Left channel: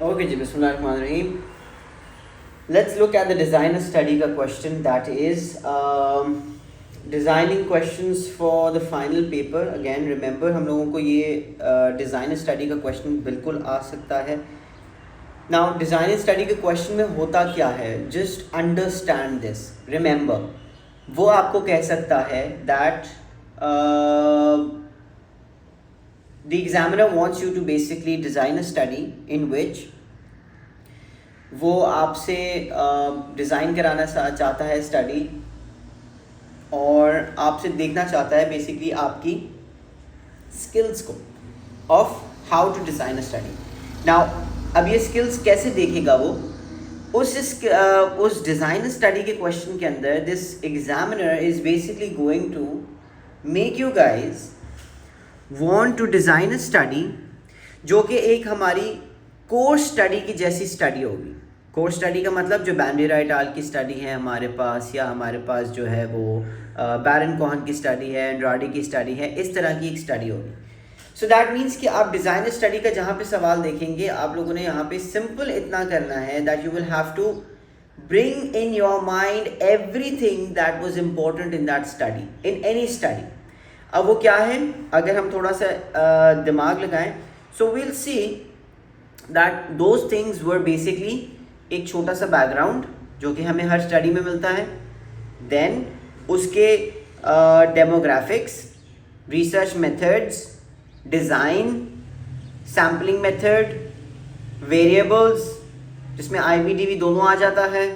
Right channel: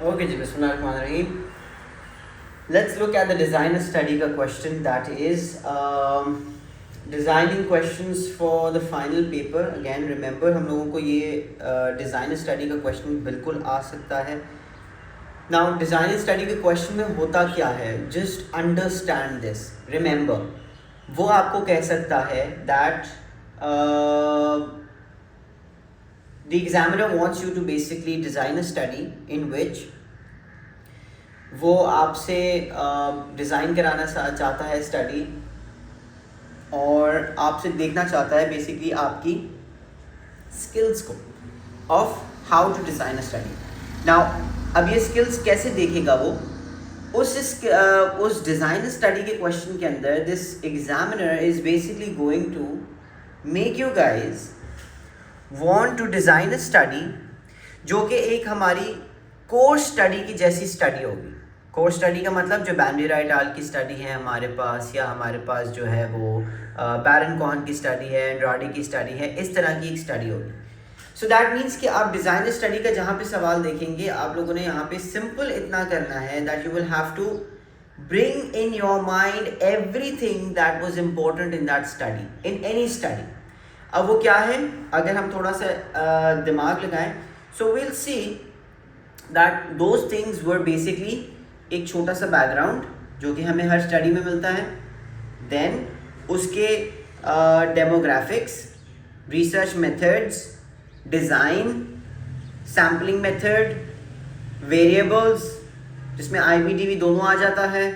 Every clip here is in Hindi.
Okay जी, बिस्मिल्लाहिर्रहमानिर्रहीम. Let's look at the designer study का question, that is designing questions for the final paper. Again remember, हम लोगों को ये designer study का question बिल्कुल आ सकता है. Now designer study के question में होता क्या है, just understand this. Remember, वो आपको कह सकता है that the examiner wants you to basically design a study in which वो आपसे डिज़ाइन कराना चाहता है स्टडी, और आपसे देखना चाहता है बेसिकली आपकी स्किल्स को of how to design a study. Now अब ये स्किल्स कैसे देखेगा वो, उस डिज़ाइन स्टडी के क्वेश्चन के अंदर this examiner is basically going to make you guys want to design a study जो कि एक हमारी कोर्स स्टडी की जैसी स्टडी होगी. कोर्स स्टडी का मतलब जो बैंडेरा एट अल की स्टडी है हमारे पास, या हमारे पास जो है वो बैरन कोहन की स्टडी है, एंड्राडी की स्टडी है, इस तरह की एक स्टडी होगी. सो दैट मीन्स कि आप डिज़ाइनर स्टडी का जहाँ पे सवाल देखेंगे, आप लोगों ने यहाँ पे सिंपल इतना करना है that you will have to bring in your mind everything that was important in that study, in any study. अब वो क्या है, अगर हम थोड़ा सा दिमाग लगाएं, so will see that those things were basically एक छोटा सा बैकग्राउंड जो कि हमें हर स्टडी में मिलता है, देन उसके demographics, research methods, design, sampling method, variables जिसमें IVDV दोनों आ जाता है,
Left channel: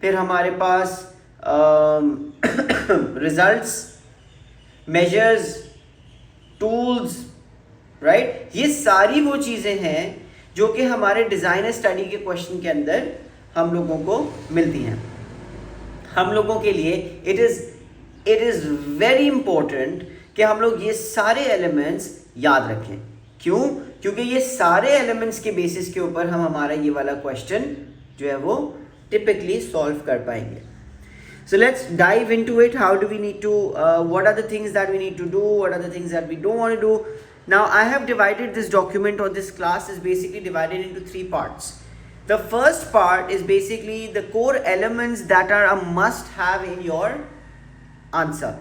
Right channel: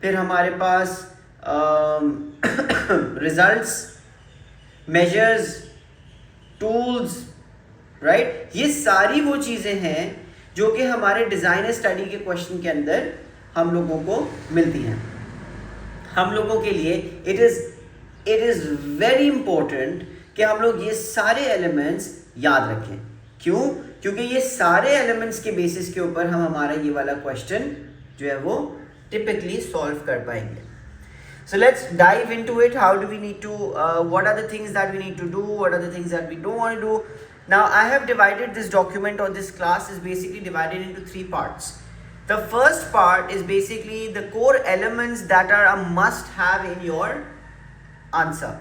फिर हमारे पास रिजल्ट्स, मेजर्स, टूल्स, राइट. ये सारी वो चीज़ें हैं जो कि हमारे डिज़ाइनर स्टडी के क्वेश्चन के अंदर हम लोगों को मिलती हैं. हम लोगों के लिए इट इज़ वेरी इंपॉर्टेंट कि हम लोग ये सारे एलिमेंट्स याद रखें. क्यों? क्योंकि ये सारे एलिमेंट्स के बेसिस के ऊपर हम हमारा ये वाला क्वेश्चन जो है वो टिपिकली सॉल्व कर पाएंगे. So let's dive into it. How do we need to, what are the things that we need to do, what are the things that we don't want to do. Now I have divided this document, or this class is basically divided into 3 parts. The first part is basically the core elements that are a must have in your answer.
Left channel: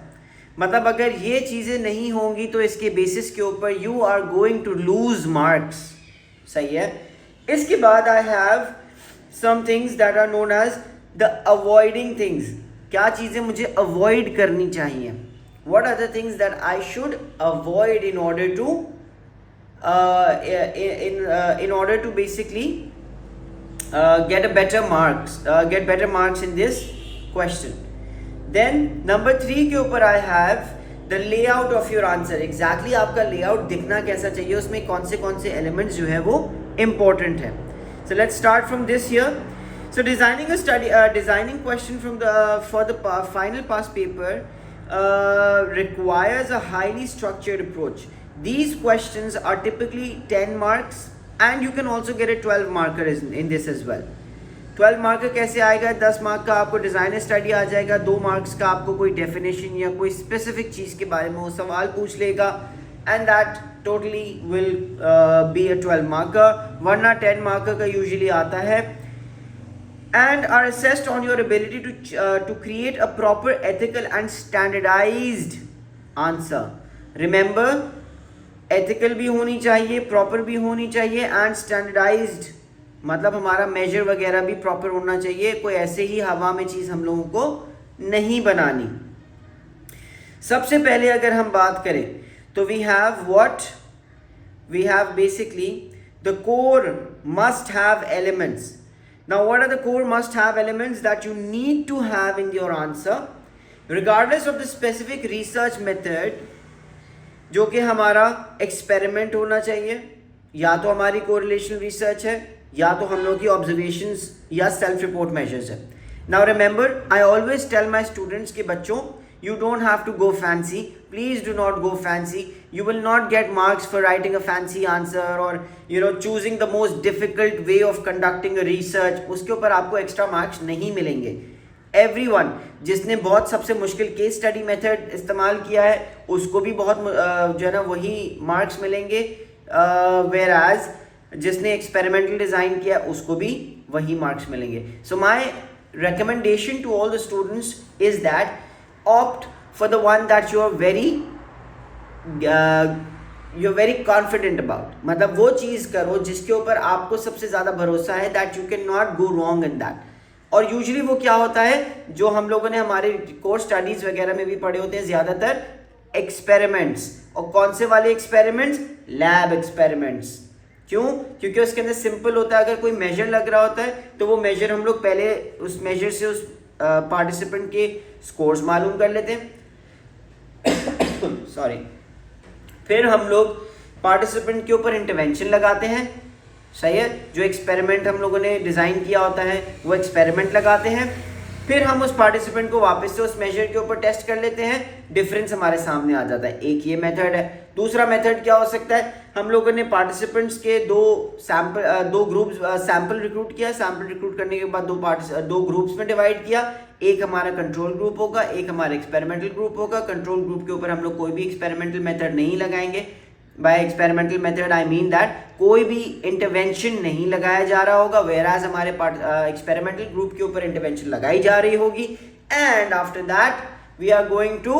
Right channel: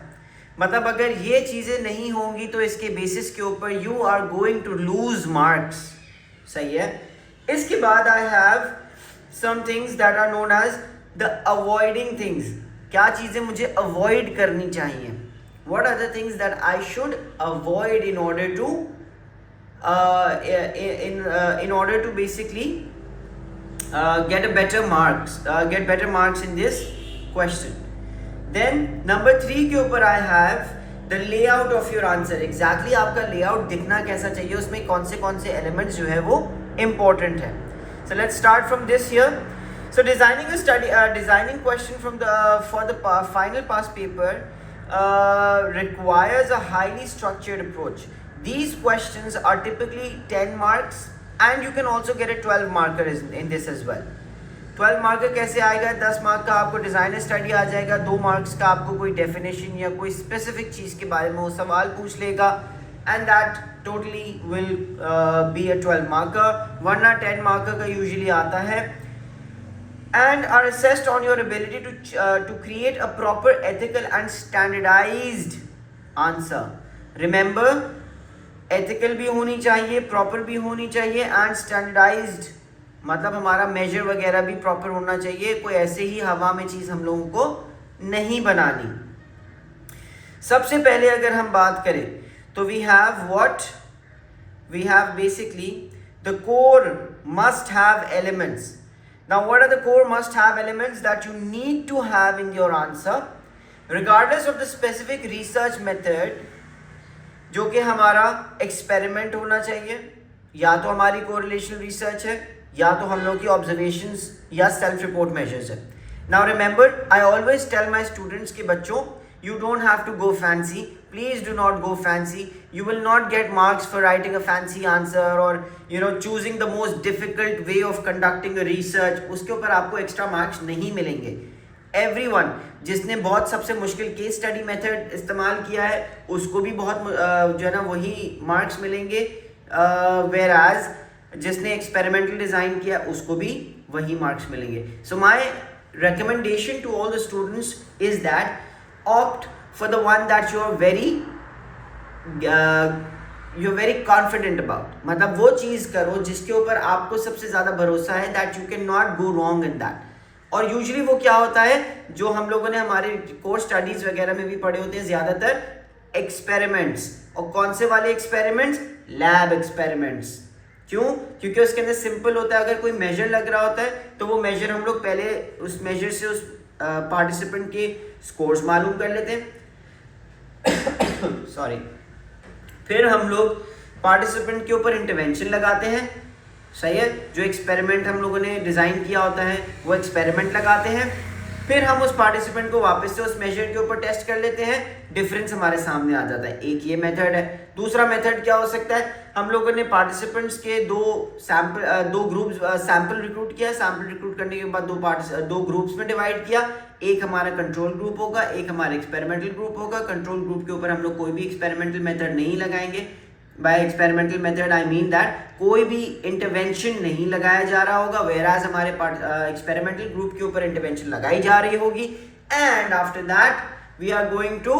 मतलब अगर ये चीज़ें नहीं होंगी तो इसके बेसिस के ऊपर you are going to lose marks. सही है. इसके बाद I have some things that are known as the avoiding things. क्या चीज़ें मुझे अवॉइड करनी चाहिए, what are the things that I should avoid in order to in order to basically get better marks in this question. Then number 3 के ऊपर I have the layout of your answer. Exactly आपका layout दिखना कैसा चाहिए, उसमें कौन से elements जो है वो important है. So let's start from this here. So designing a study, designing question from for the final pass paper requires a highly structured approach. These questions are typically 10 marks, and you can also get a 12 marker in this as well. 12 marker कैसे आएगा? 10 मार्क का आपको डिज़ाइनर स्टडी आ जाएगा, 2 मार्क्स का आपको कोई डेफिनेशन या कोई स्पेसिफिक चीज़ के बारे में वो सवाल पूछ लेगा, and that totally will be a 12 marker. वरना 10 मार्कर का यूजुअली आता है. And are assessed on your ability to create a proper, ethical and standardized answer. Remember, ethical भी होनी चाहिए, proper भी होनी चाहिए, and standardized मतलब हमारा measure वगैरह भी proper होना चाहिए. कोई ऐसे ही हवा में चीज़ हम लोगों को नहीं बनानी. सबसे पहले अगर हम बात करें तो we have basically the core must have elements. Now what are the core must have elements that you need to have in your answer regardless of the specific research method? जो कि हमारा एक्सपेरिमेंट होना चाहिए, या तो हमारी कोरिलेशन रिसर्च है, या तो हम लोग की ऑब्जर्वेशंस या सेल्फ रिपोर्ट मेजर्स है. Now remember, I always tell my students के बच्चों, you don't have to go fancy. Please do not go fancy. You will not get marks for writing a fancy answer or choosing the most difficult way of conducting a research. उसके ऊपर आपको एक्स्ट्रा मार्क्स नहीं मिलेंगे. Everyone जिसने बहुत सबसे मुश्किल केस स्टडी मेथड इस्तेमाल किया है उसको भी बहुत जो है ना वही मार्क्स मिलेंगे. Whereas जिसने एक्सपेरिमेंटल डिज़ाइन किया उसको भी वही मार्क्स मिलेंगे. So my recommendation to all the students is that opt for the one that you're very confident about. मतलब वो चीज़ करो जिसके ऊपर आपको सबसे ज़्यादा भरोसा है, that you cannot go wrong in that. और यूजुअली वो क्या होता है, जो हम लोगों ने हमारे कोर्स स्टडीज़ वगैरह में भी पढ़े होते हैं, ज़्यादातर एक्सपेरिमेंट्स. और कौन से वाले एक्सपेरिमेंट्स? Lab experiments. क्यों? क्योंकि उसके अंदर सिंपल होता है. अगर कोई मेजर लग रहा होता है तो वो मेजर हम लोग पहले उस मेजर से उस पार्टिसिपेंट के स्कोर्स मालूम कर लेते हैं. सॉरी. फिर हम लोग पार्टिसिपेंट के ऊपर इंटरवेंशन लगाते हैं. सही है. जो एक्सपेरिमेंट हम लोगों ने डिज़ाइन किया होता है वो एक्सपेरिमेंट लगाते हैं. फिर हम उस पार्टिसिपेंट को वापस से उस मेजर के ऊपर टेस्ट कर लेते हैं. डिफरेंस हमारे सामने आ जाता है. एक ये मेथड है. दूसरा मेथड क्या हो सकता है, हम लोगों ने पार्टिसिपेंट्स के दो ग्रुप्स सैंपल रिक्रूट किया. सैंपल रिक्रूट करने के बाद दो ग्रुप्स में डिवाइड किया. एक हमारा कंट्रोल ग्रुप होगा, एक हमारा एक्सपेरिमेंटल ग्रुप होगा. कंट्रोल ग्रुप के ऊपर हम लोग कोई भी एक्सपेरिमेंटल मेथड नहीं लगाएंगे. By experimental method I mean that कोई भी इंटरवेंशन नहीं लगाया जा रहा होगा, वेराज हमारे एक्सपेरिमेंटल ग्रुप के ऊपर इंटरवेंशन लगाई जा रही होगी. And after that we are going to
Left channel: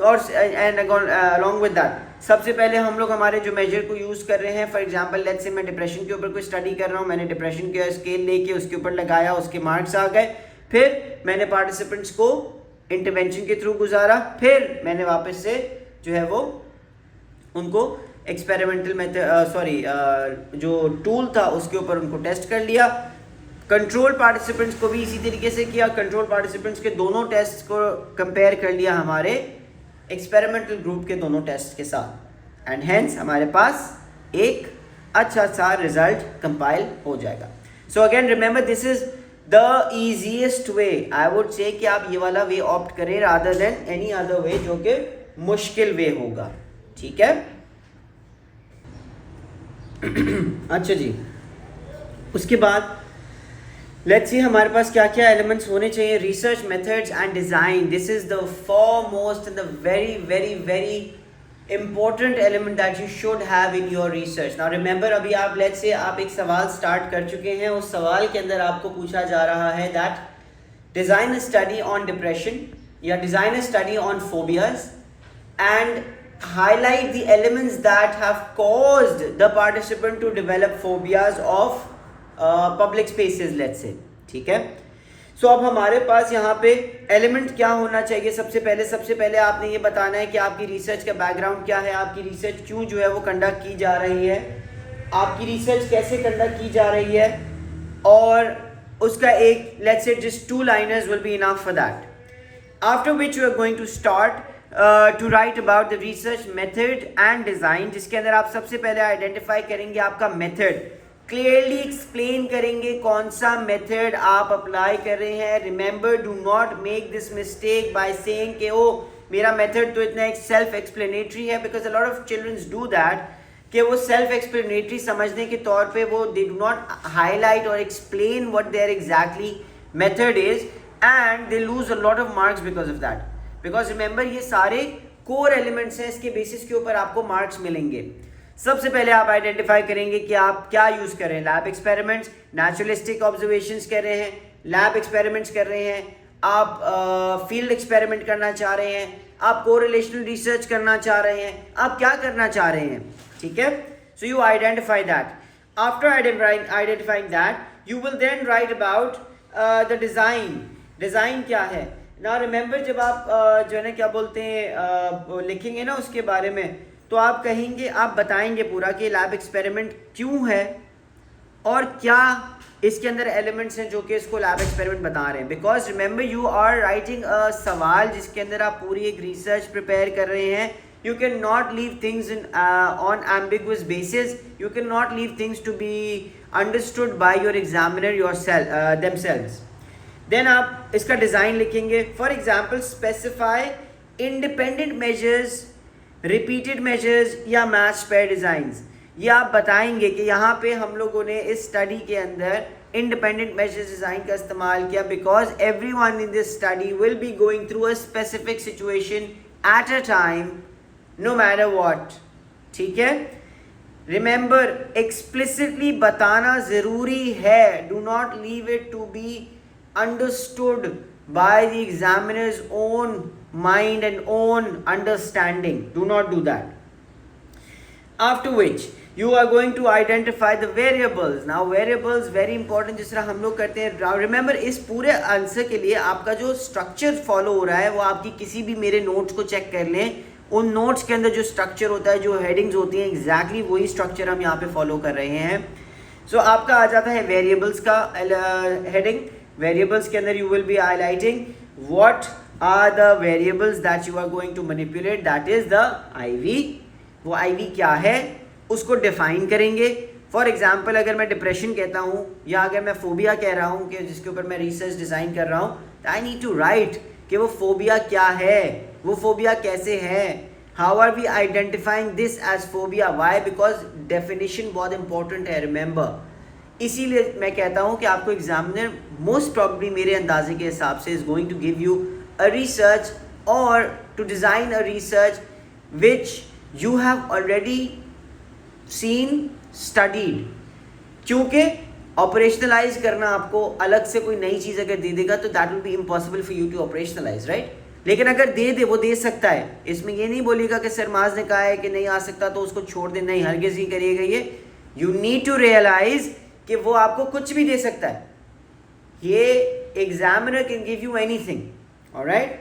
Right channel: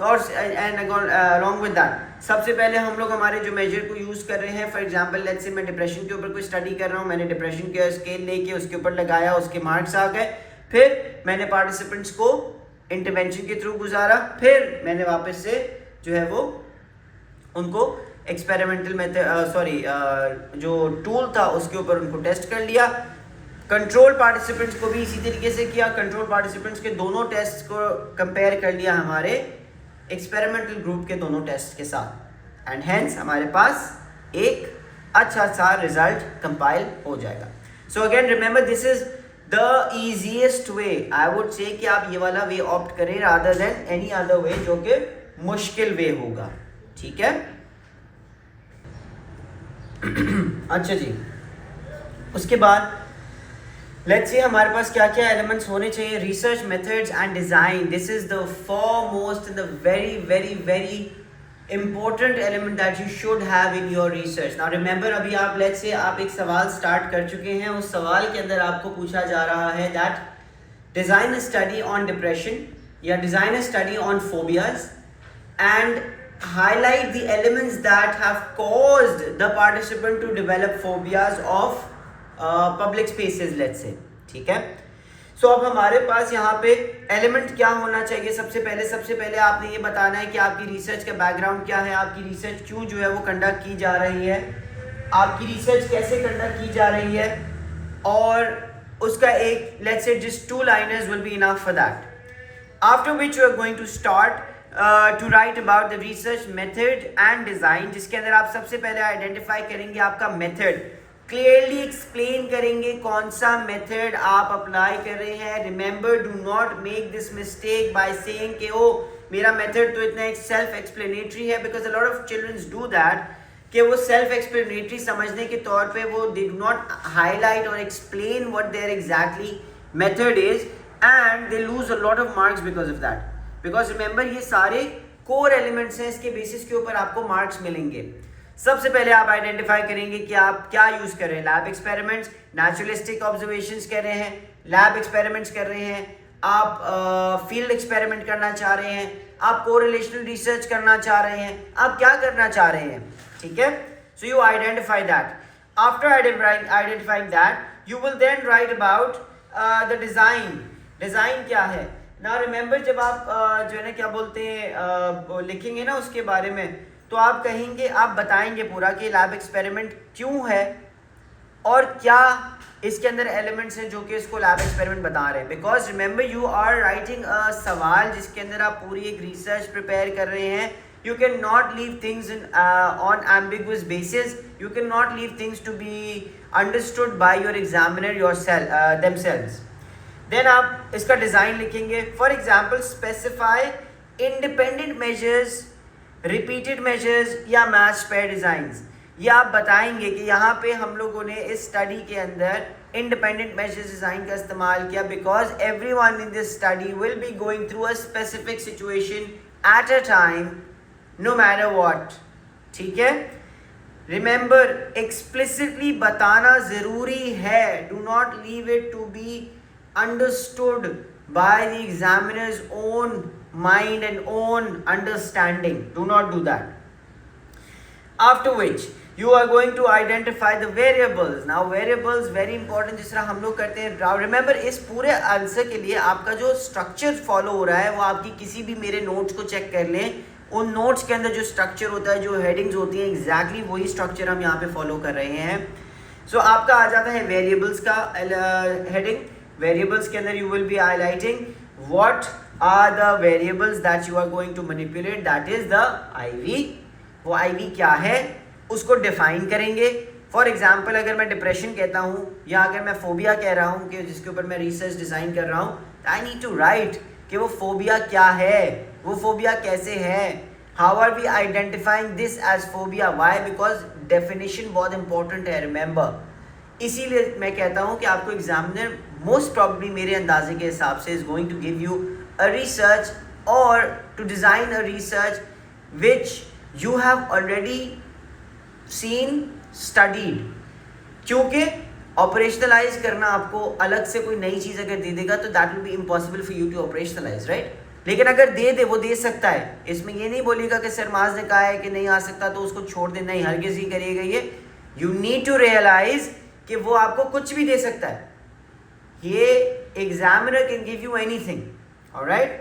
and along with that सबसे पहले हम लोग हमारे जो मेजर को यूज़ कर रहे हैं, फॉर एग्जांपल लेट्स से मैं डिप्रेशन के ऊपर कोई स्टडी कर रहा हूँ, मैंने डिप्रेशन के स्केल लेके उसके ऊपर लगाया, उसके मार्क्स आ गए. फिर मैंने पार्टिसिपेंट्स को इंटरवेंशन के थ्रू गुजारा. फिर मैंने वापस से जो है वो उनको एक्सपेरिमेंटल मेथड जो टूल था उसके ऊपर उनको टेस्ट कर लिया. कंट्रोल पार्टिसिपेंट्स को भी इसी तरीके से किया. कंट्रोल पार्टिसिपेंट्स के दोनों टेस्ट को कंपेयर कर लिया हमारे एक्सपेरिमेंटल ग्रुप के दोनों टेस्ट के साथ. एंड हेंस हमारे पास एक अच्छा सा रिजल्ट कंपाइल हो जाएगा. So again remember this is the easiest way. I would say कि आप ये वाला वे ऑप्ट करें rather than any other way जो कि मुश्किल वे होगा. ठीक है. अच्छा जी. उसके बाद लेट्स सी हमारे पास क्या क्या एलिमेंट्स होने चाहिए. Research methods and design. This is the foremost and the very very very important element that you should have in your research. Now remember अभी आप लेट्स से आप एक सवाल स्टार्ट कर चुके हैं. उस सवाल के अंदर आपको पूछा जा रहा है that design a study on depression या design a study on phobias and highlight the elements that have caused the participant to develop phobias of public spaces let's say. ठीक है. सो अब हमारे पास यहाँ पे एलिमेंट क्या होना चाहिए. सबसे पहले आपने ये बताना है कि आपकी रिसर्च का बैकग्राउंड क्या है, आपकी रिसर्च क्यों जो है वो कंडक्ट की जा रही है, आपकी रिसर्च कैसे कंडक्ट की जा रही है, और उसका एक let's say just 2 liners will be enough for that. After which you are going to start to write about the research method and design, जिसके अंदर आप सबसे पहले आइडेंटिफाई करेंगे आपका मेथड. क्लियरली एक्सप्लेन करेंगे कौन सा मेथड आप अप्लाई कर रहे हैं. Remember do not make this mistake by saying कि ओ मेरा मेथड तो इतना एक सेल्फ एक्सप्लेनेटरी है, because a lot of childrens do that कि वो सेल्फ एक्सप्लेनेटरी समझने के तौर पे वो दे डू नॉट हाईलाइट और explain what their exactly method is and they lose a lot of marks because of that. Because remember ये सारे कोर एलिमेंट्स हैं, इसके बेसिस के ऊपर आपको मार्क्स मिलेंगे. सबसे पहले आप आइडेंटिफाई करेंगे कि आप क्या यूज कर रहे हैं. लैब एक्सपेरिमेंट्स, नेचुरलिस्टिक ऑब्जर्वेशंस कर रहे हैं, लैब एक्सपेरिमेंट्स कर रहे हैं, आप फील्ड एक्सपेरिमेंट करना चाह रहे हैं, आप कोरिलेशनल रिसर्च करना चाह रहे हैं, आप क्या करना चाह रहे हैं. ठीक है. So you identify that. After identifying that you will then write about the design. Design क्या है. ना रिमेंबर जब आप जो है ना क्या बोलते हैं लिखेंगे ना उसके बारे में, तो आप कहेंगे, आप बताएंगे पूरा कि लैब एक्सपेरिमेंट क्यों है और क्या इसके अंदर एलिमेंट्स हैं जो कि इसको लैब एक्सपेरिमेंट बता रहे हैं. Because remember you are writing a सवाल जिसके अंदर आप पूरी एक रिसर्च प्रिपेयर कर रहे हैं. You can not leave things on ambiguous basis. You can not leave things to be understood by your examiner themselves. Then आप इसका डिज़ाइन लिखेंगे. For example specify independent measures, repeated measures या मैच पेयर डिज़ाइंस. ये आप बताएंगे कि यहाँ पे हम लोगों ने इस स्टडी के अंदर इंडिपेंडेंट मेजर्स डिज़ाइन का इस्तेमाल किया because everyone in this study will be going through a specific situation at a time no matter what. ठीक है. रिमेंबर एक्सप्लिसिटली बताना जरूरी है, do not leave it to be understood by the examiners own mind and own understanding. Do not do that. After which you are going to identify the variables. Now variables very important, जिस तरह हम लोग करते हैं. Remember इस पूरे आंसर के लिए आपका जो स्ट्रक्चर फॉलो हो रहा है वो आपकी किसी भी मेरे नोट्स को चेक कर लें. उन नोट्स के अंदर जो स्ट्रक्चर होता है, जो हेडिंग्स होती हैं, एग्जैक्टली वही स्ट्रक्चर हम यहाँ पे फॉलो कर रहे हैं. सो आपका आ जाता है वेरिएबल्स का हेडिंग. वेरिएबल्स के अंदर you will be highlighting what are the variables that you are going to manipulate, that is the IV. वो IV क्या है उसको डिफाइन करेंगे. फॉर एग्जाम्पल अगर मैं डिप्रेशन कहता हूँ या अगर मैं फोबिया कह रहा हूँ कि जिसके ऊपर मैं रिसर्च डिज़ाइन कर रहा हूँ, आई नीड टू राइट कि वो फोबिया क्या है, वो फोबिया कैसे है, how are we identifying this as phobia, why, because definition बहुत इंपॉर्टेंट है. रिमेंबर इसीलिए मैं कहता हूँ कि आपको एग्जामिनर मोस्ट प्रॉब्ली मेरे अंदाजे के हिसाब से is going to give you a research or to design a research which you have already seen, studied. क्योंकि ऑपरेशनलाइज करना आपको अलग से कोई नई चीज़ अगर दे देगा तो that will be impossible for you to operationalise, right. लेकिन अगर दे दे, वो दे सकता है. इसमें ये नहीं बोलेगा कि सरमाज ने कहा है कि नहीं आ सकता तो उसको छोड़ दे, नहीं, हरगिज़ नहीं करिएगा ये. यू नीड टू रियलाइज कि वो आपको कुछ भी दे सकता है. ये examiner can give you anything. Alright,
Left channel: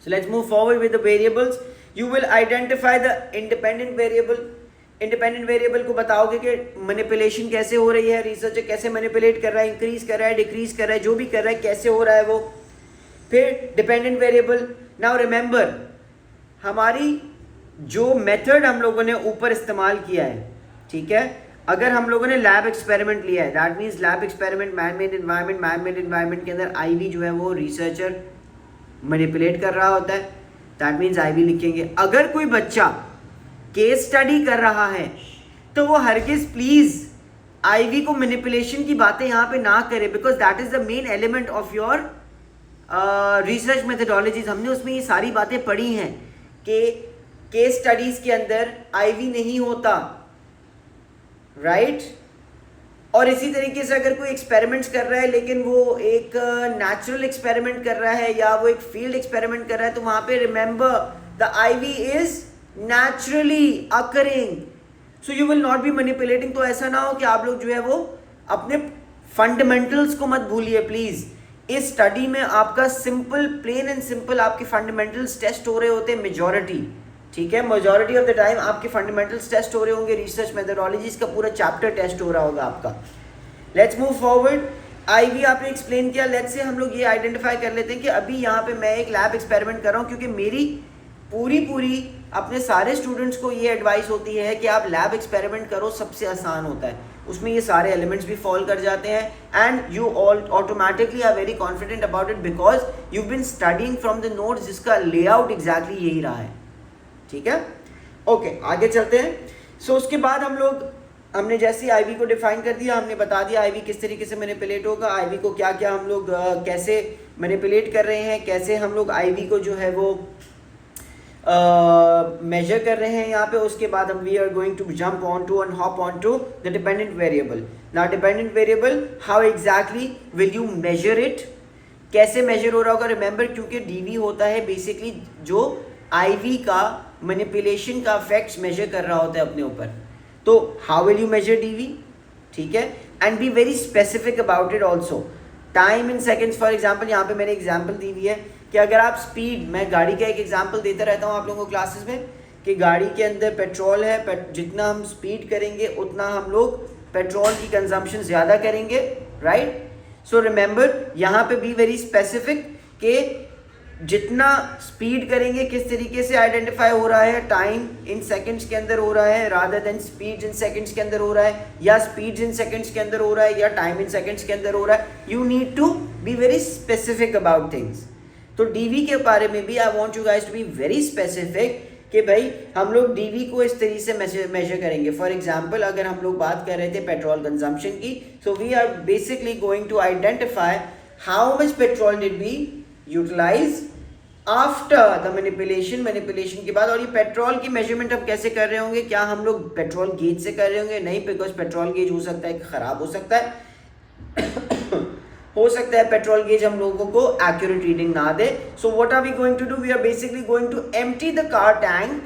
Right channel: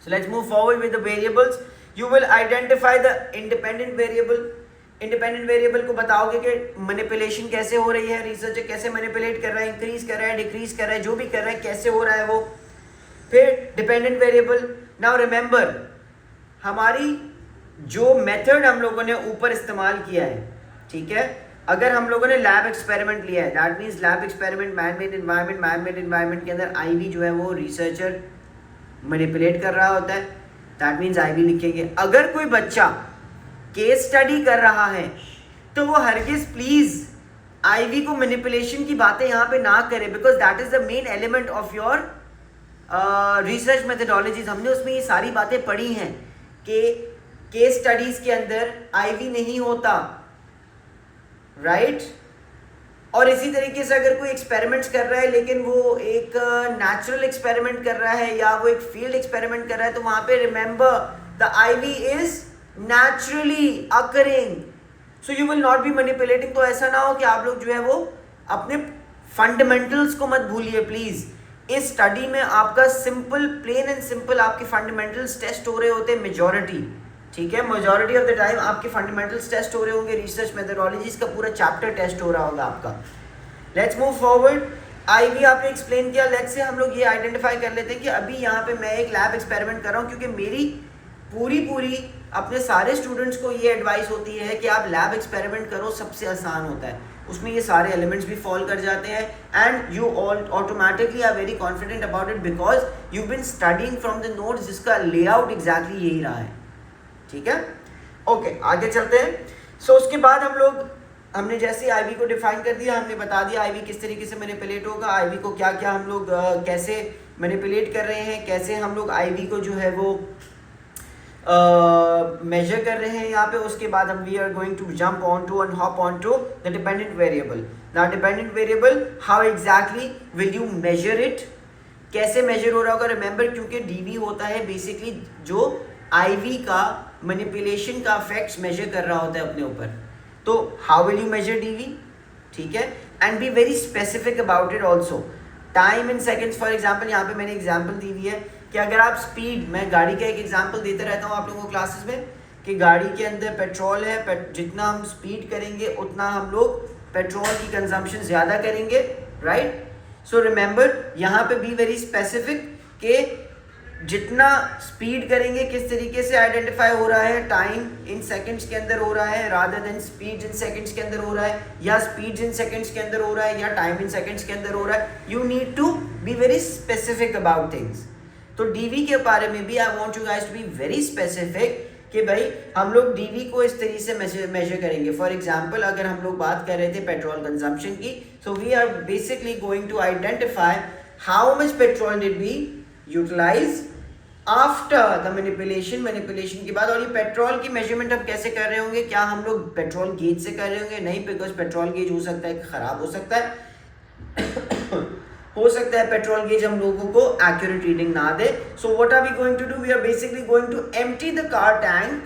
so let's move forward with the variables. You will identify the independent variable. Independent variable को बताओगे कि manipulation कैसे हो रही है, researcher कैसे manipulate कर रहा है, increase कर रहा है, decrease कर रहा है, जो भी कर रहा है कैसे हो रहा है वो. फिर dependent variable. Now remember हमारी जो method हम लोगों ने ऊपर इस्तेमाल किया है, ठीक है, अगर हम लोगों ने लैब एक्सपेरिमेंट लिया है, that means lab experiment man made environment के अंदर IV जो है वो रिसर्चर मैनिपुलेट कर रहा होता है, दैट मीन्स IV लिखेंगे. अगर कोई बच्चा केस स्टडी कर रहा है तो वो हरगिज प्लीज IV को मैनिपुलेशन की बातें यहाँ पे ना करे, because that is the main element of your research methodologies. हमने उसमें ये सारी बातें पढ़ी हैं कि केस स्टडीज के अंदर IV नहीं होता, राइट. और इसी तरीके से अगर कोई एक्सपेरिमेंट्स कर रहा है लेकिन वो एक नेचुरल एक्सपेरिमेंट कर रहा है या वो एक फील्ड एक्सपेरिमेंट कर रहा है तो वहाँ पे remember the IV is naturally occurring, so you will not be manipulating. तो ऐसा ना हो कि आप लोग जो है वो अपने फंडामेंटल्स को मत भूलिए प्लीज. इस स्टडी में आपका सिंपल, प्लेन एंड सिंपल आपके फंडामेंटल्स टेस्ट हो रहे होते हैं मेजॉरिटी, ठीक है. मेजॉरिटी ऑफ द टाइम आपके फंडामेंटल्स टेस्ट हो रहे होंगे, रिसर्च मेथडोलॉजीज का पूरा चैप्टर टेस्ट हो रहा होगा आपका. Let's move forward. IV आपने एक्सप्लेन किया. लेट्स से हम लोग ये आइडेंटिफाई कर लेते हैं कि अभी यहाँ पे मैं एक लैब एक्सपेरिमेंट कर रहा हूँ, क्योंकि मेरी पूरी अपने सारे स्टूडेंट्स को ये एडवाइस होती है कि आप लैब एक्सपेरिमेंट करो, सबसे आसान होता है, उसमें ये सारे एलिमेंट्स भी फॉल कर जाते हैं and you all automatically are very confident about it because you been studying from the notes, जिसका लेआउट एग्जैक्टली यही रहा है, ठीक है. ओके, आगे चलते हैं. सो उसके बाद हमने जैसे IV को डिफाइन कर दिया, हमने बता दिया IV किस तरीके से मैनिपुलेट होगा, IV को क्या क्या हम लोग कैसे मैनिपुलेट कर रहे हैं, कैसे हम लोग IV को जो है वो मेजर कर रहे हैं यहाँ पे. उसके बाद हम we are going to jump on to and hop on to the dependent variable. Now dependent variable, how exactly will you measure it, कैसे मेजर हो रहा होगा. रिमेंबर क्योंकि DV होता है बेसिकली जो IV का मैनिपुलेशन का इफेक्ट्स मेजर कर रहा होता है अपने ऊपर, तो how will you measure DV, ठीक है. And be very specific about it also. Time in seconds, for example यहाँ पे मैंने एग्जाम्पल दी हुई है कि अगर आप स्पीड, मैं गाड़ी का एक एग्जाम्पल देता रहता हूँ आप लोगों को क्लासेस में कि गाड़ी के अंदर पेट्रोल है, जितना हम स्पीड करेंगे उतना हम लोग पेट्रोल की कंजम्पशन ज़्यादा करेंगे, राइट. सो रिमेंबर यहाँ पे बी वेरी स्पेसिफिक कि जितना स्पीड करेंगे किस तरीके से आइडेंटिफाई हो रहा है, टाइम इन सेकंड्स के अंदर हो रहा है rather than speed in seconds के अंदर हो रहा है, या स्पीड इन सेकंड्स के अंदर हो रहा है, या टाइम इन सेकंड्स के अंदर हो रहा है. You need to be very specific about things. तो DV के बारे में भी I want you guys to be very specific कि भाई हम लोग DV को इस तरीके से मेजर करेंगे. फॉर एग्जाम्पल अगर हम लोग बात कर रहे थे पेट्रोल कंजम्पशन की, so we are basically going to identify how much petrol did we utilise after the manipulation के बाद। और ये पेट्रोल की मेजरमेंट हम कैसे कर रहे होंगे? क्या हम लोग पेट्रोल गेज से कर रहे होंगे? नहीं, बिकॉज पेट्रोल गेज हो सकता है कि खराब हो सकता है हो सकता है पेट्रोल गेज हम लोगों को एक्यूरेट रीडिंग ना दे। So what are we going to do? We are basically going to empty the car tank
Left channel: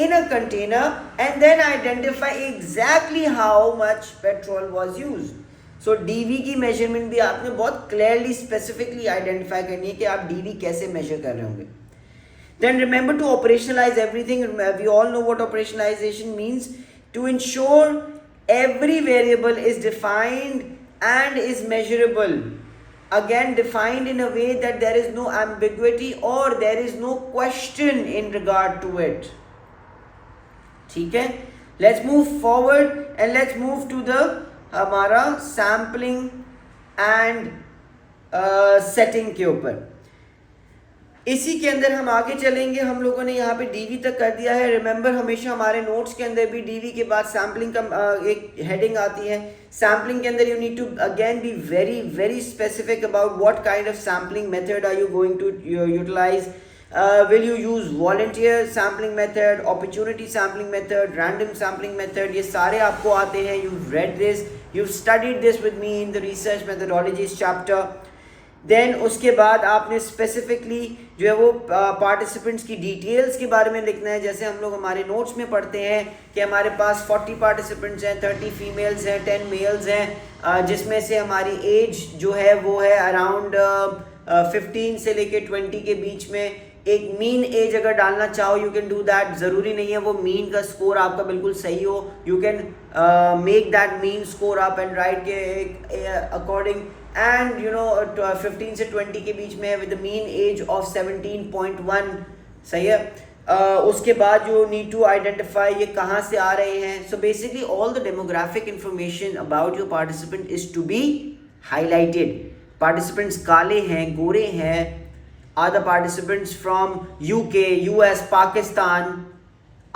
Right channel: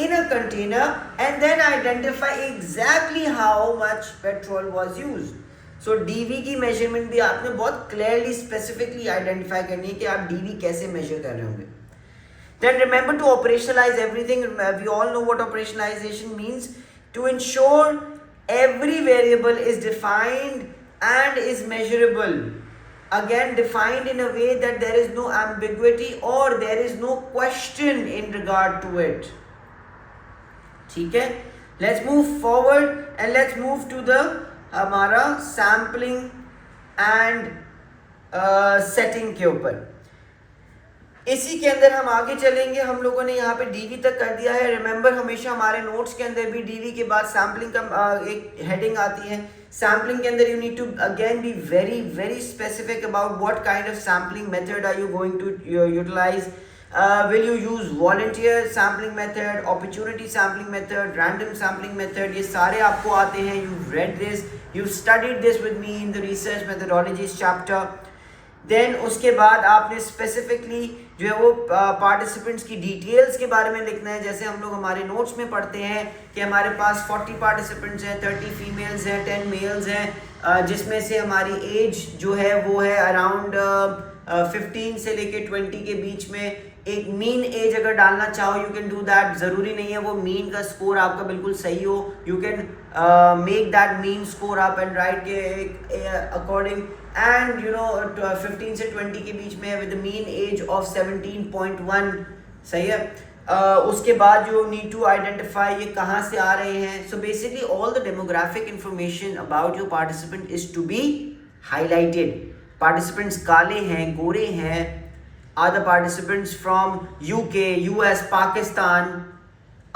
in a container and then identify exactly how much petrol was used. So DV की measurement भी आपने बहुत clearly specifically identify करनी है कि आप DV कैसे measure कर रहे होंगे. Then remember to operationalize everything. We all know what operationalization means. To ensure every variable is defined and is measurable. Again, defined in a way that there is no ambiguity or there is no question in regard to it. ठीक है, let's move forward and let's move to the हमारा सैम्पलिंग एंड सेटिंग के ऊपर। इसी के अंदर हम आगे चलेंगे। हम लोगों ने यहाँ पे डीवी तक कर दिया है। रिमेंबर, हमेशा हमारे नोट्स के अंदर भी डीवी के बाद सैम्पलिंग का एक हेडिंग आती है। सैम्पलिंग के अंदर you need to again be very very specific about what kind of sampling method are you going to utilise. Will you use volunteer sampling method, opportunity sampling method, random sampling method? ये सारे आपको आते हैं. You've read this, you've studied this with me in the research methodologies chapter. Then उसके बाद आपने specifically जो है वो participants की details के बारे में लिखना है. जैसे हम लोग हमारे notes में पढ़ते हैं कि हमारे पास 40 participants हैं, 30 females हैं, 10 males हैं, जिसमें से हमारी age जो है वो है around 15 से लेके 20 के बीच में. एक मीन एज अगर डालना चाहो यू कैन डू दैट. ज़रूरी नहीं है वो मीन का स्कोर आपका बिल्कुल सही हो. You can make that mean score up and right के अकॉर्डिंग एंड यू नो 15 से 20 के बीच में विद मीन एज ऑफ 17.1. सही है. उसके बाद यू नीड टू आइडेंटिफाई ये कहाँ से आ रहे हैं. So basically all the demographic information about your participant is to be highlighted. Participants काले हैं, गोरे हैं. Are the participants from UK, US, Pakistan?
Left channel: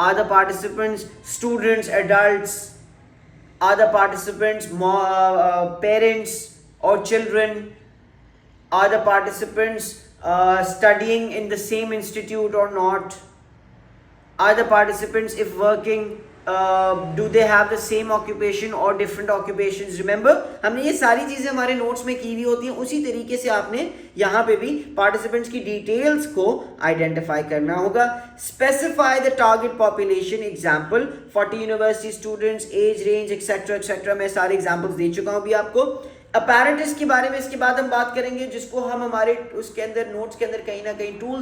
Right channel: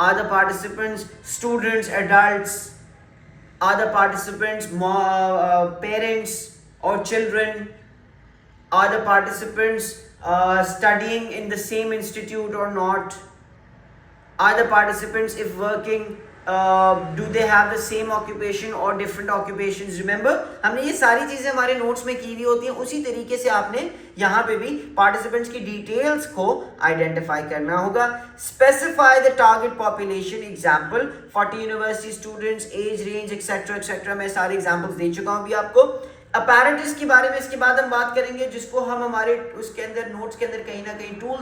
Are the participants students, adults? Are the participants parents or children? Are the participants studying in the same institute or not? Are the participants, if working, do they have the same occupation or different occupations? Remember, हमने ये सारी चीज़ें हमारे नोट्स में की हुई होती हैं. उसी तरीके से आपने यहाँ पे भी पार्टिसिपेंट्स की डिटेल्स को आइडेंटिफाई करना होगा. Specify the target population. Example 40 university students, age range etcetera etcetera. मैं सारे एग्जाम्पल्स दे चुका हूँ अभी आपको. अपैरेटस के बारे में इसके बाद हम बात करेंगे, जिसको हम हमारे उसके अंदर नोट्स के अंदर कहीं ना कहीं टूल्स